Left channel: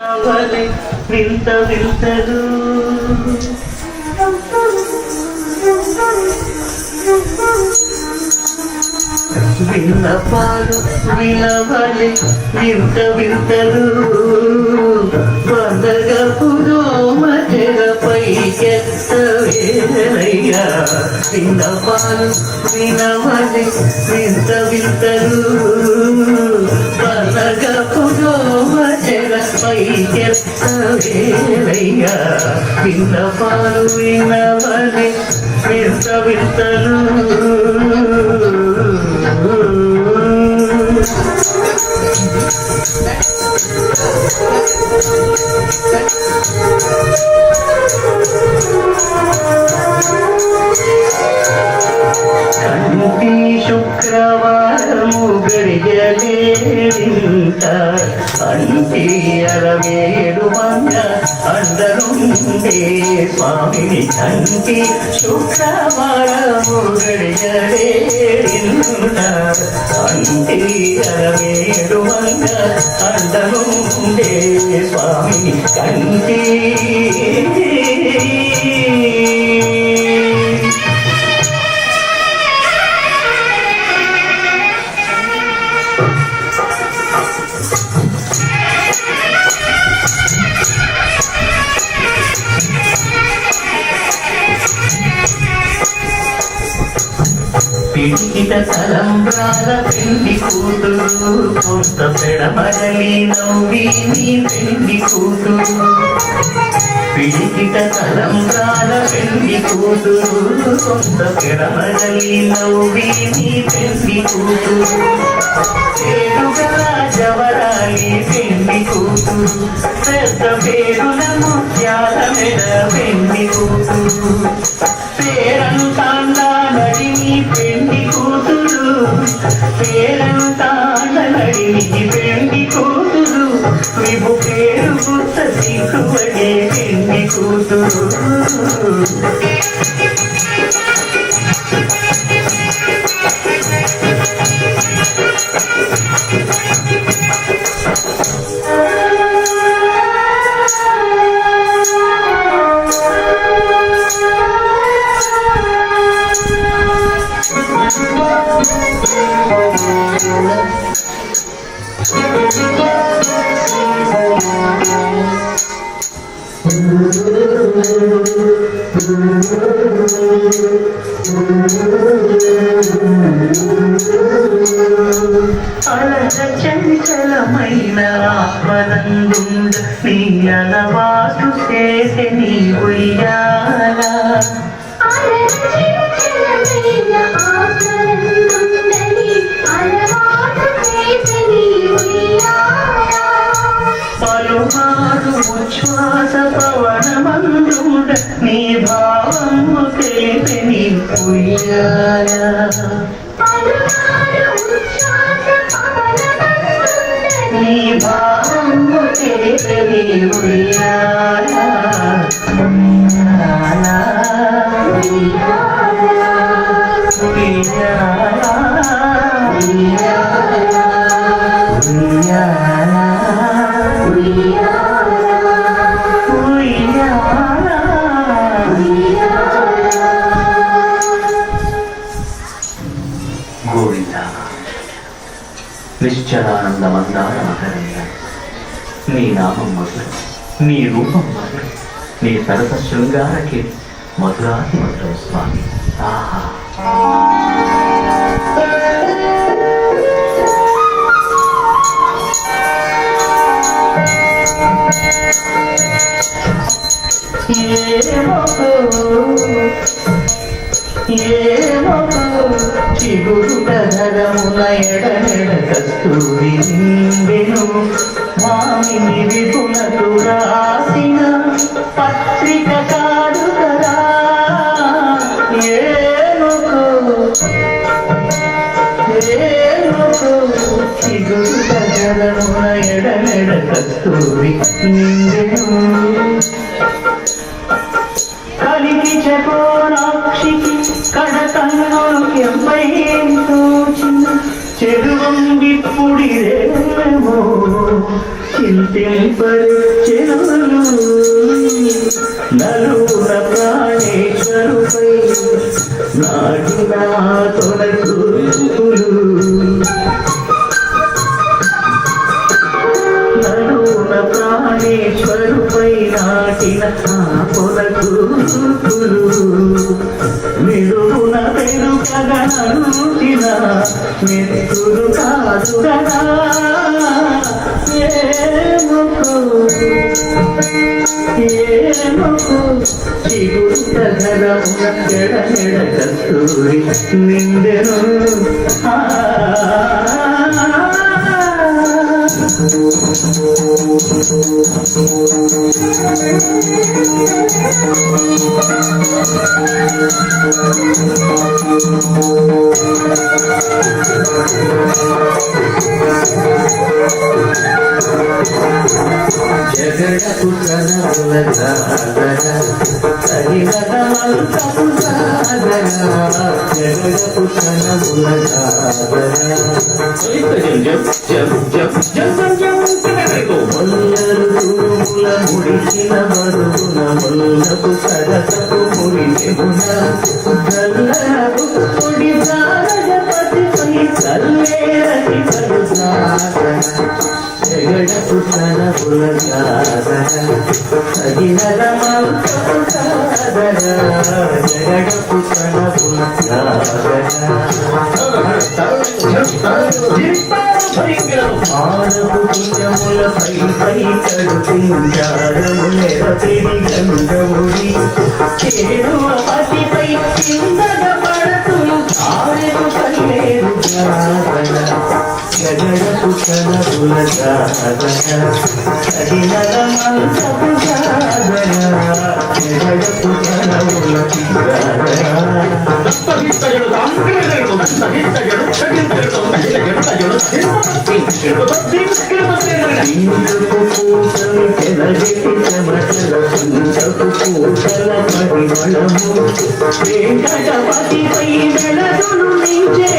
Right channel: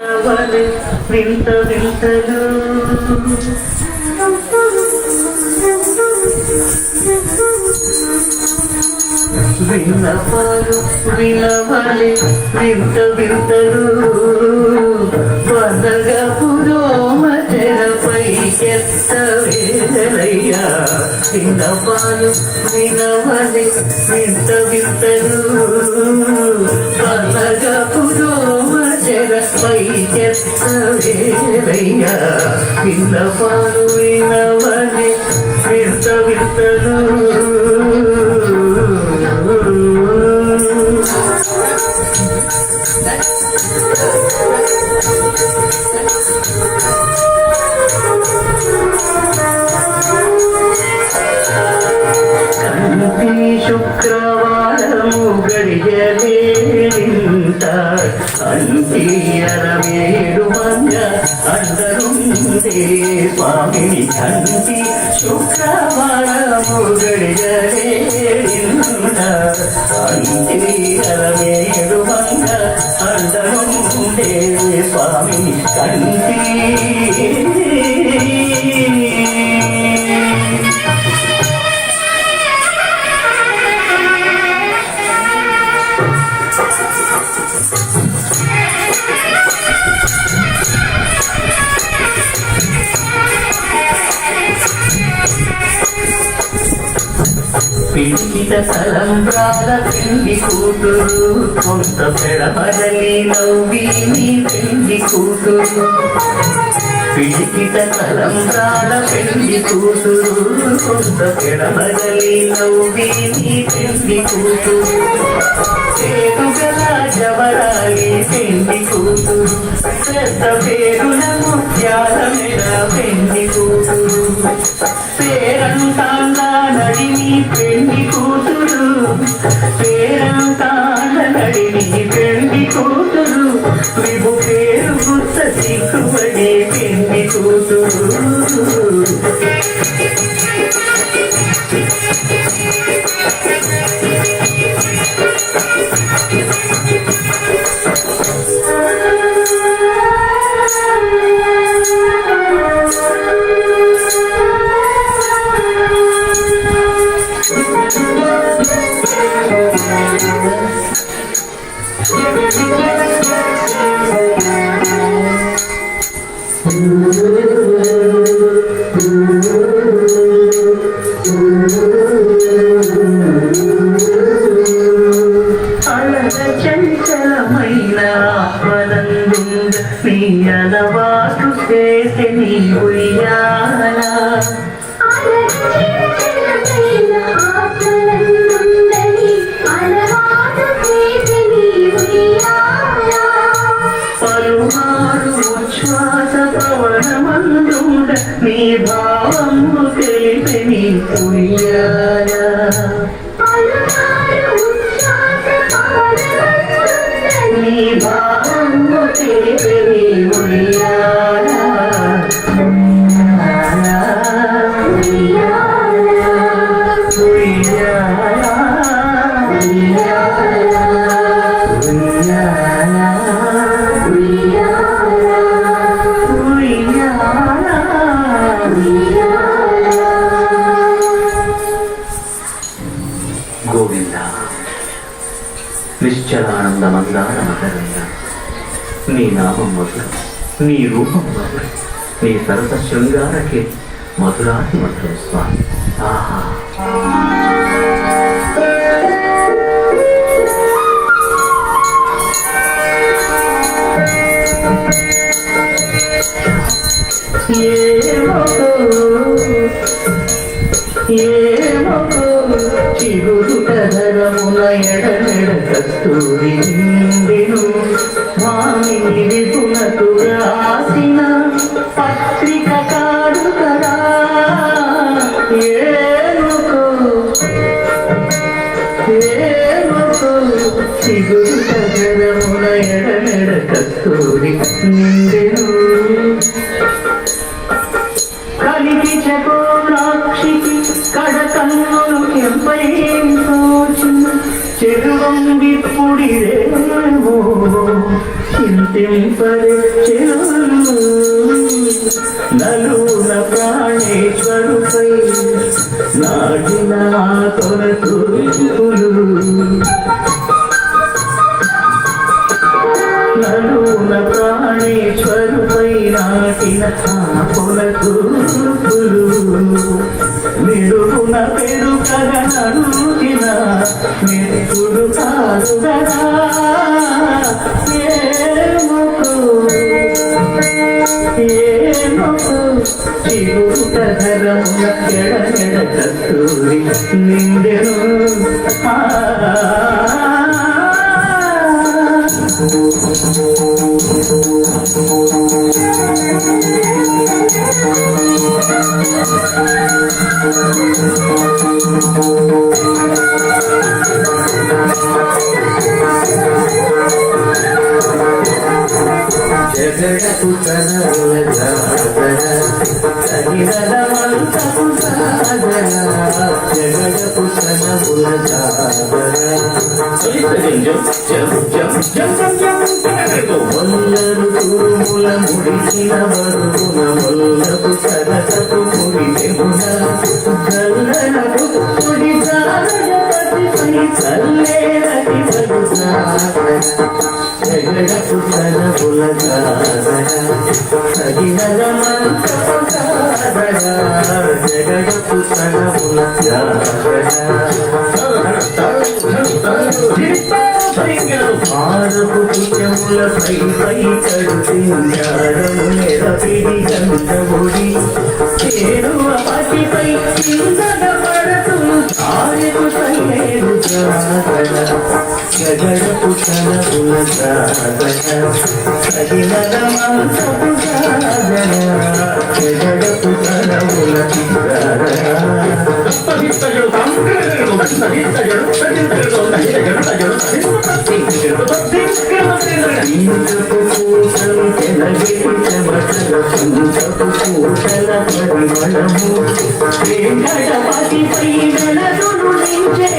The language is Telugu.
వింత వింతలు విన్నపాలు వినవలి వింత వింతలు వందగా పురోమ తెరపైకెత్తవేరయ్యా విన్నపాలు వినవలి వింత వింతలు వందగా పురోమ తెరపైకెత్తవేరయ్యా విన్నపాలు వినవలి వింత వింతలు కంటి శుక్రవారము గడియలేంత అంటి 67 మంది అందరుండే స్వామిని కంటి శుక్రవారము గడియలేంత అంటి 67 మంది అందరుండే స్వామిని కంటి పిడికిట తలంబ్రాల పెళ్లి కూతురు కొంత పెడబడలి నవ్వి నీ పెళ్లి కూతురు పిడికిట తలంబ్రాల పెళ్లి కూతురు కొంత పెడబడలి నవ్వి నీ పెళ్లి కూతురు పేరుగల జవరాలి పెళ్లి కూతురు పెద్ద పేరున ముత్యాల మెడ పెళ్లి కూతురు పేరంటాండా నడిని పెళ్లి కూతురు పేరంటాండ నడిని పెళ్లి కూతురు విభు పేరు గుర్త సిగ్గుపడే పెళ్లి కూతురు చంచలమైన ఆత్మనందుండ నీ అలవాటు చేసే నీ ఉయ్యాల పలుమారు ఉచ్ఛ్వాస పవనమందుండ నీ భావము చేసే నీ ఉయ్యాల నీ భావము చేసే నీ ఉయ్యాల గోవింద నిశ్చలానందమందార మకరంద నీ నామం మధురం నీ రూపం మధురం నీ సరస శృంగారకే మధురాతి మధురం స్వామి ఆహా చిగురుటరమున ఎడనెడ కస్తూరి నిండెను మామిని విపునకు రాసిన పత్రిక కాడుకరా చిగురుటరమున ఎడనెడ కస్తూరి నిండెను కలికి చకోరాక్షికి కడతన్నులు కెంపై తోచిన చెరువంగిప్పుడిరేమో చింత నలున ప్రాణేశ్వరుపై నాటిన తొలతూపులు నలున ప్రాణేశ్వరుపై నాటిన తొలతూపులు మెరుగున పెరుగగా నరుచిన మెతులు కాదుగా కస్తూరి నిండెను జగడపు తనముల జాగర తగినదమంతపు జాగర జగడపు తనముల జాగర మొల్లరు తురుముల ముడిచిన బడుగున మొల్లపు సరసపు ముడిచెమున గల్లరపు పొడి ప్రాణజపతిపై చల్లేరటి కడు సాగర జగడపు తనముల జాగర తగినదమంతపు జాగర జగడపు తనముల జాగర మానపు పుణ్యముల పై కడుతించారము నెరపిడి గంగముడి చేరువతిపై కిందగ పడతు ఆరెకు కల్లేరు జాగర జగడపు తనముల జాగర కడినదమంతపు జాగర జగడపు తనముల జాగర పతిపై వెలదులు నించే